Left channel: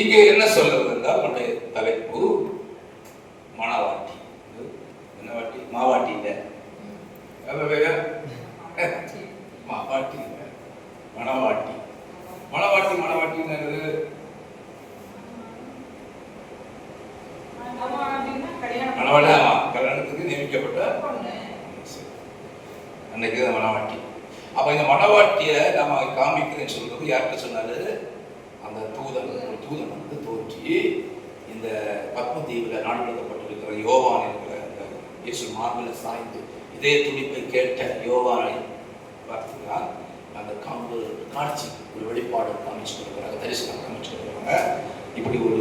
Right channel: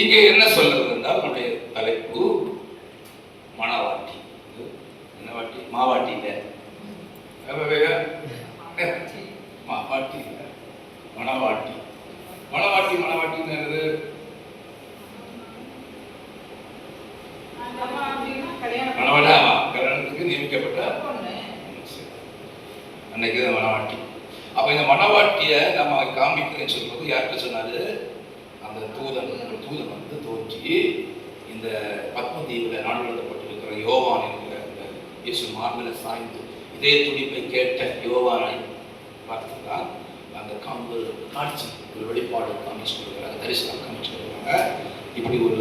இங்கே என்ன சொல்றது என்றால் நம்முடைய தலைப்பு மணவாட்டி. என்ன வாட்டி? மாவாட்டி இல்லை, மாவாட்டி இல்லை, மணவாட்டி. மணவாட்டி மணவாட்டின்னு கல்யாணத்துக்கு நியமிக்கப்பட்ட அன்னைக்கு தான் மணவாட்டி. அப்ப இந்த மணவாட்டிய நம்ம காமிக்கிறேன்னு சொல்றது யார்கிட்ட சொன்னாரு? அந்த தூதன் வந்து தோன்றி இந்த பத்மதீவுல நாடு எழுதப்பட்டிருக்கிற யோவான் என்கிற அந்த இயேசு மார்பில சாய்ந்து இதே துடிப்பை கேட்ட யோவானை பார்த்தீங்கன்னா அந்த காட்சி ஒரு வெளிப்பாடு காமிச்சு கொடுக்குறாங்க, தரிசனம் காமிச்சு கொடுக்குறாங்க. இப்படி ஒரு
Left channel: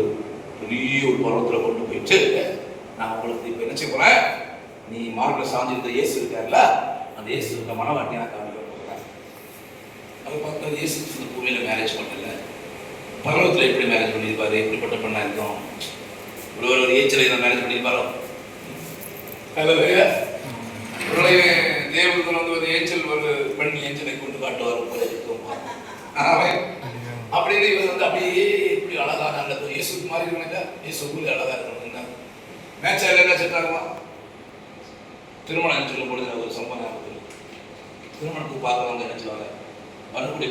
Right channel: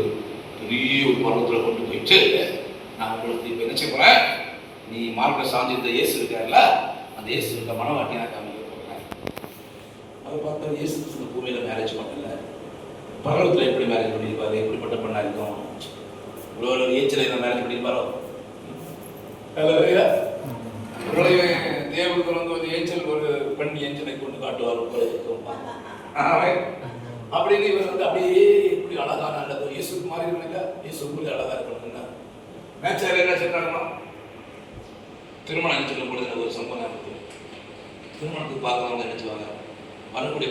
பெரிய ஒரு பருவத்தில் கொண்டு போயிட்டு நான் உங்களுக்கு இப்போ என்ன செய்ய போறேன், நீ மார்பில் சார்ந்திருந்த இயேசு இருக்காருல்ல, அந்த இயேசு இருக்க மனவாட்டி நான் காமிக்க போகிறேன். அதை பார்த்தா இயேசு இந்த பூமியில் மேரேஜ் பண்ணல, பருவத்தில் எப்படி மேரேஜ் பண்ணியிருப்பாரு, எப்படிப்பட்ட பெண்ணா இருக்கும், ஒரு ஏச்சலை தான் மேரேஜ் பண்ணியிருப்பாரோ. தேவன் வந்து ஒரு ஏஞ்சல், ஒரு பெண் ஏஞ்சலை கொண்டு காட்டுவார் போல இருக்கும் அப்படின்னு இவர் வந்து அப்படியே இப்படி அழகான அல்லது இயேசுக்கு மாதிரி இருக்கணும் இல்லை, இயேசுக்குள்ளே அழகா இருக்கணும். மேட்சாக என்ன செட்டாகுமா? திருமணம் சொல்லும் பொழுது ஒரு சம்பவம் திருமணத்துக்கு பார்க்கறவங்க என்ன சொல்லுவாங்க, வரக்கூடிய